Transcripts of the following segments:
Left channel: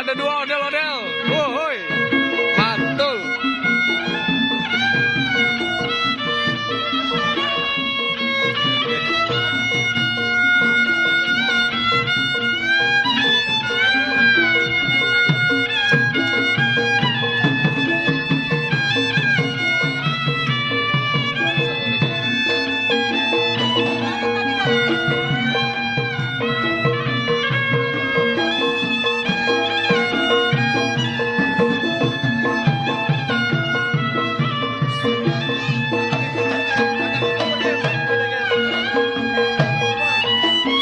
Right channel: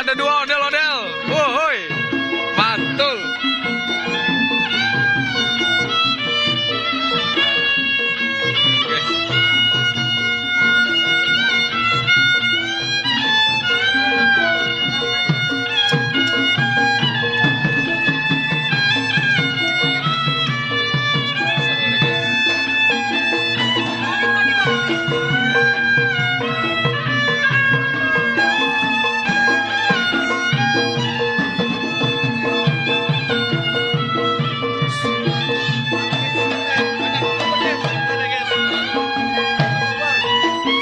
ada dua ondel-ondel. Woi, mantul.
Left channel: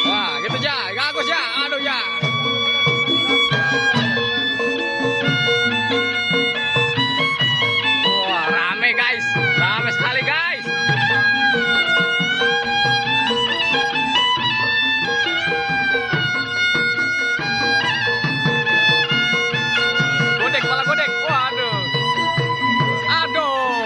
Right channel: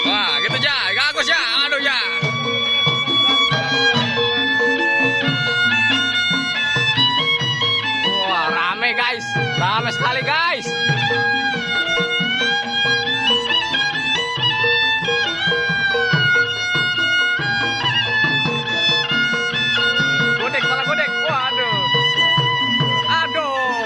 Wah, gitu ya, bagus ya, aduh ya. Wah, rame guys, rame sekali guys. Godek, malah godek, waduh. Aduh.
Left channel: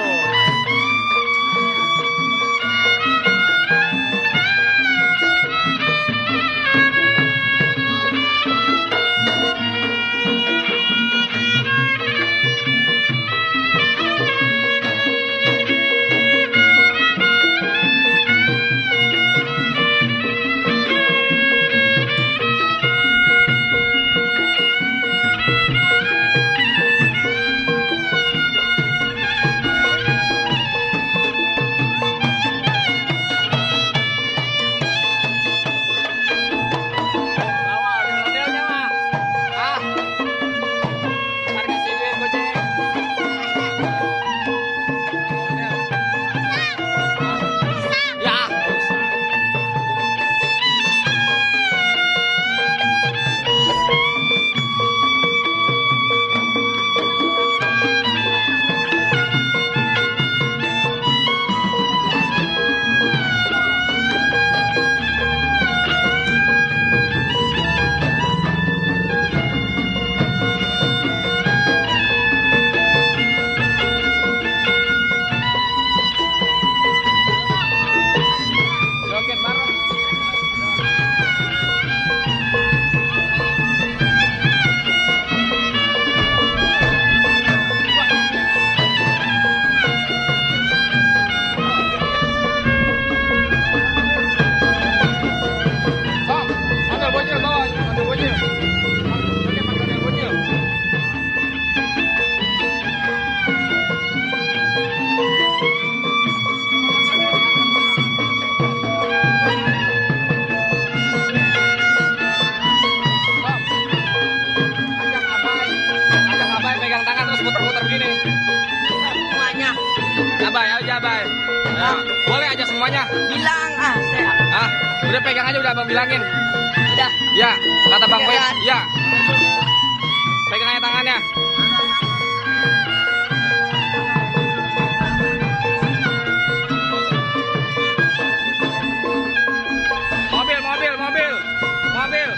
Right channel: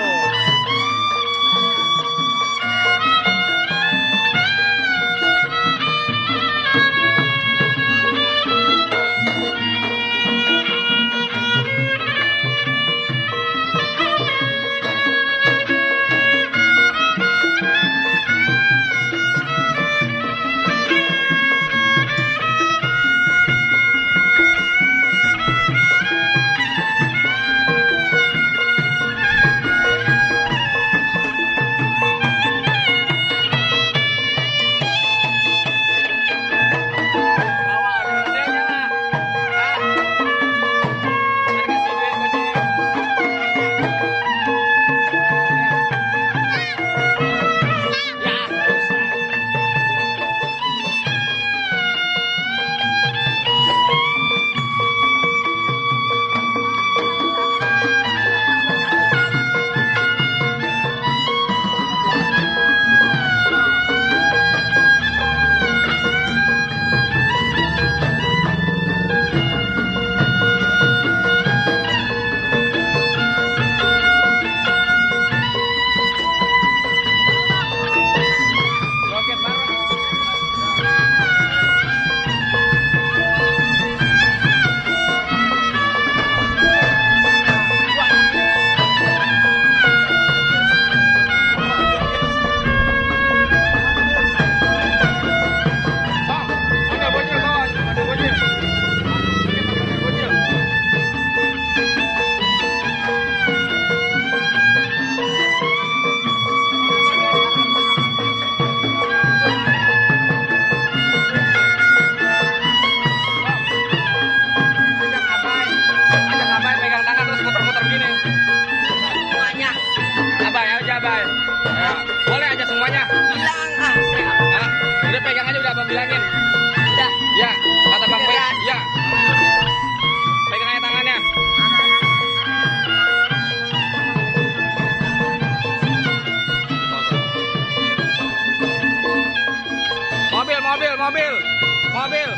Joget bareng. Sok, panggil bocil bawah, panggil bocil. Joget panggil bocil. Ajak Abai pegang tangan terus muter-muter begini. Semuanya Abai, aja Abai. Ya, boleh aja semuanya. bilang Ah, udah pegang aja udah Abang bilangin. udah Ya, kata Bang Beb. Ya. Pegang aja tangannya. Mobil, mobil, mobil. Mobil.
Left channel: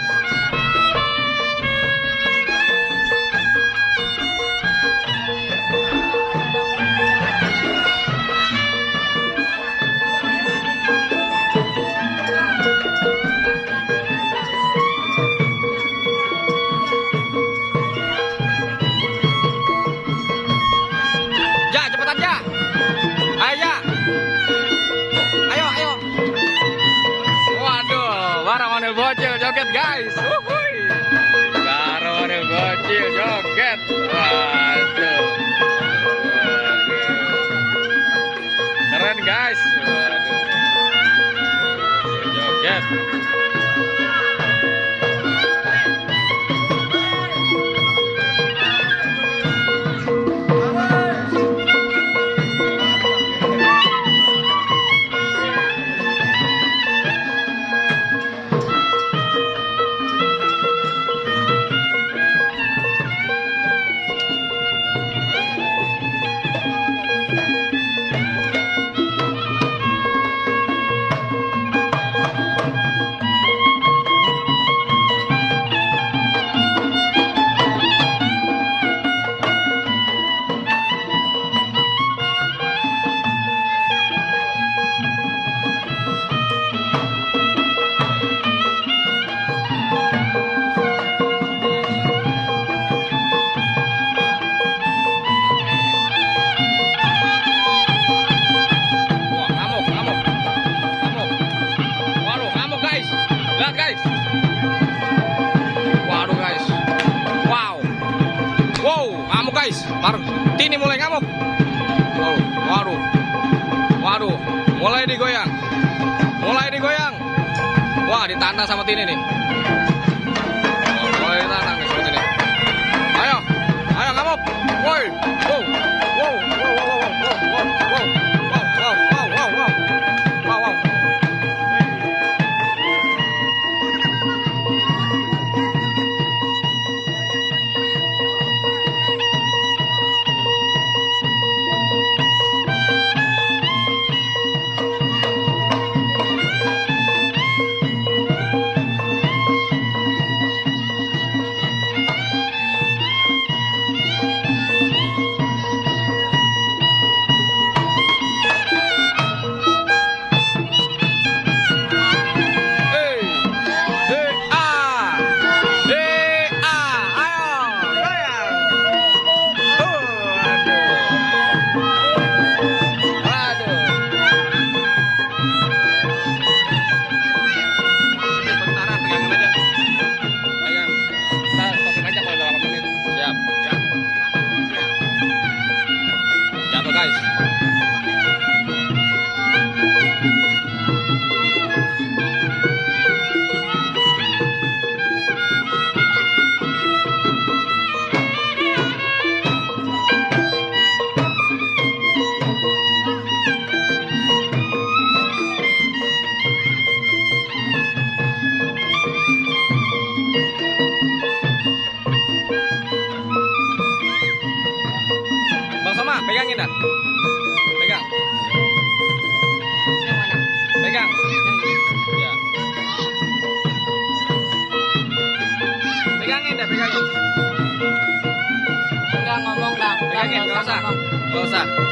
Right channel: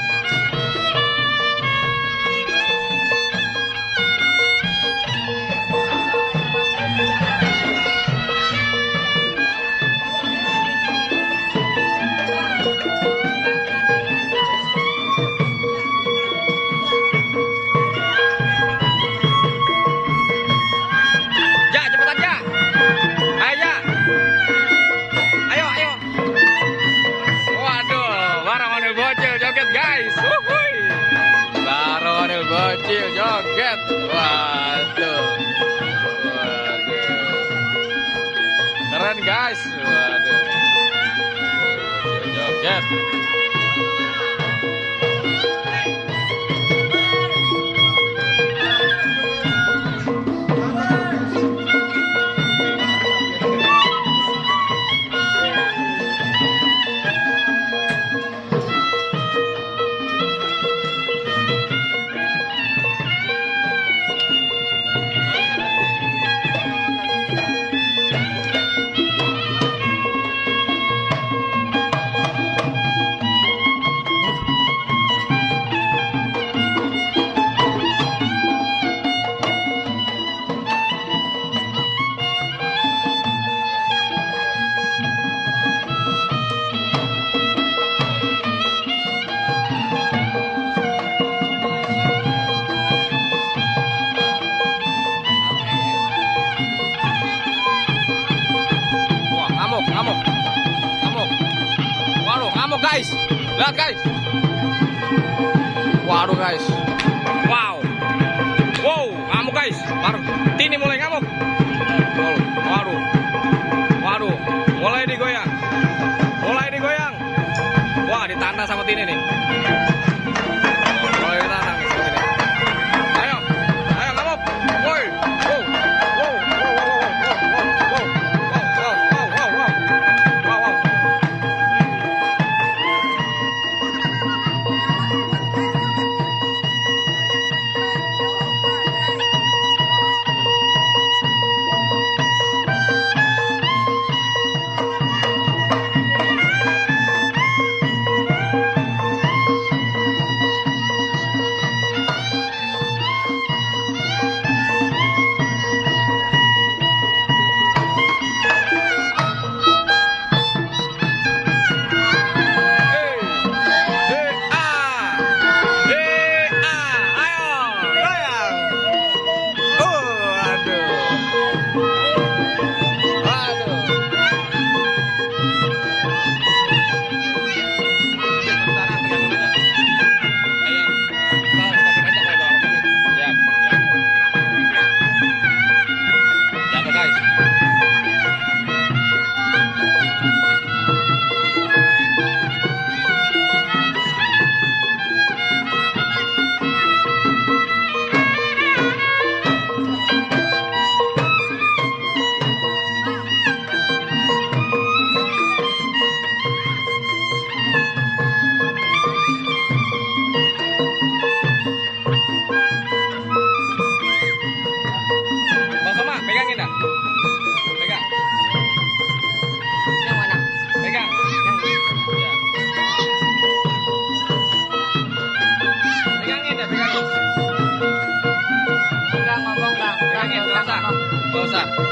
Ja, cepetan Ja. Ayo Ja. Ayo, ayo. Waduh, barang ondel bocil joget guys. Wuhui. Barang ondel bocil joget. Waduh. Waduh. Keren guys. Waduh. Joget. Martini mulai ngamuk. Waduh. Waduh. Mulai digoyang. Wah, ditantang sama Tini nih. Mulai ditantang nih sama Tini. Ayo ngamuk. Woi. Wow. Guys. Bang Soma, pegangin dah. Pegang. Yang mana? Pegang. Ya. Pegangin dah, pegangin. Enggak ngomong dah. Pegangin, Enggak usah ngomong. Nggak usah.